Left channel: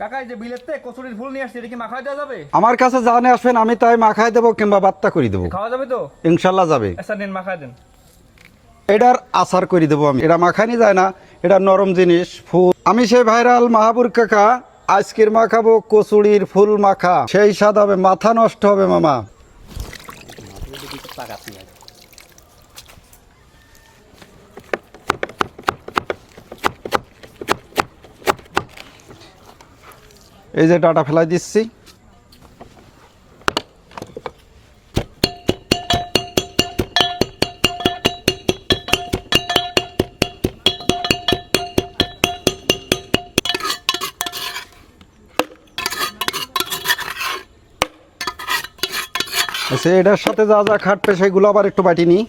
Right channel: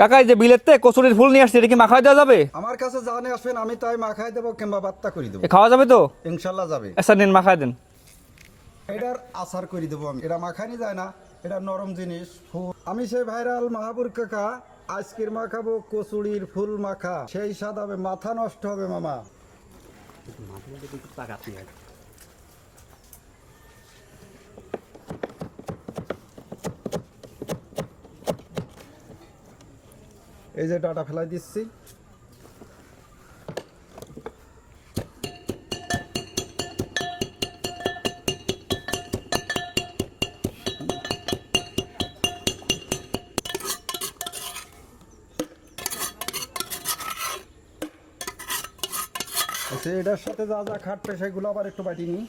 কাকা এই যে বিলেতে কচুরির ফুল নিয়ে আসছে এটা কি মাখায় দেওয়া যাবে? আমার কাছে জানে আসবেন আমি তাই মাখাই দেবো কিংবা বাত্তা করে দেবো। খাওয়া যাবে তো? ইনশাল্লাহ যাবে। আচ্ছা নিন মাখায় দেন। এটার আচার করে দেবো আমি। এটা মাখানি যায় না এটা নরম জিনিস ফুল। আমি সেই ভাইরাল মাহাবুর কাকা আজকের মাখাবো কচুরির ফুল মাখা। সেই স্বাদ হবে মাথা নষ্ট হবে মামা। এই যে ডাটা ফেলাই দিচ্ছি। আচ্ছা এটার সাথে যা যা খাটবে, সেগুলো আবার একটু বাটি নিই।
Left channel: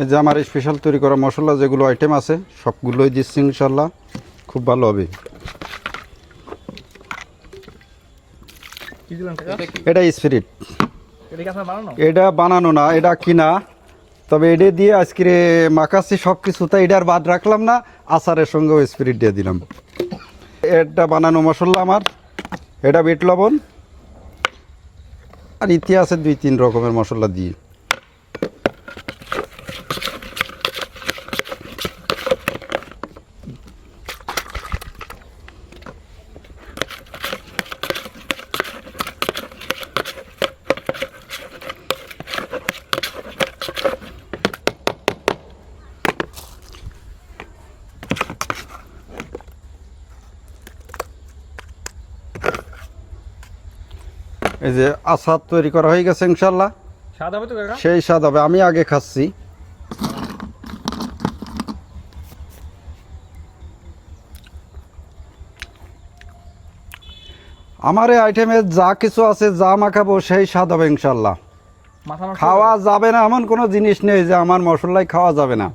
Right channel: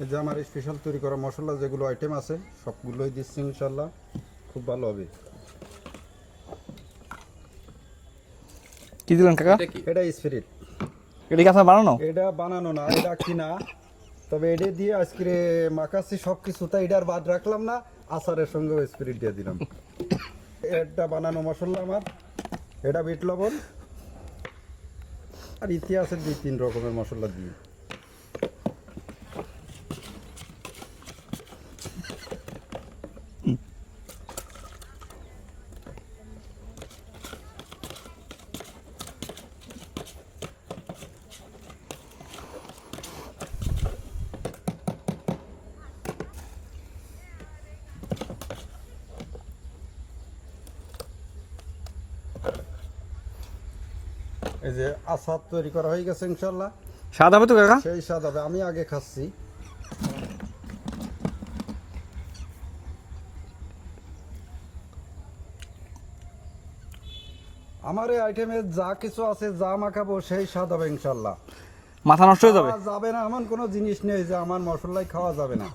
এই যে আমার স্পেশাল তৈরি করা মশলা যেগুলো আইটেম আছে সবগুলোই দিচ্ছি ইনশাল্লাহ। খুব ভালো হবে। কি দিলেন কাকা? এটা স্পিরিট এটা কি আপনার বানানো? এটা বানানো না এটা কিনা। তবে এটা দিয়ে আজকে মাখাচ্ছি সব কিছু তাই এটার বাদ রাখলাম না আচারের সঙ্গেও স্পিরিট দিয়ে দিলাম। এটা বানানো মশলা আমার এটা বেট লবণ। আর ইতিহাসে দুই তিন রকমের মশলা দিয়ে। এই যে আচার তৈরি করা হয়ে গেছে ইনশাল্লাহ স্বাদ হবে তো কাকা? সেই স্বাদ হবে আমি আগে খাচ্ছি। আমার এই আইটেমে যা কিছু আছে যা মাখাবো সেই স্বাদ হবে ইনশাল্লাহ মাথা নষ্ট খাওয়া যাবে? যাবে না এমন কোনো জিনিস নেই যে আমার মশলাই খাওয়া যাবে না।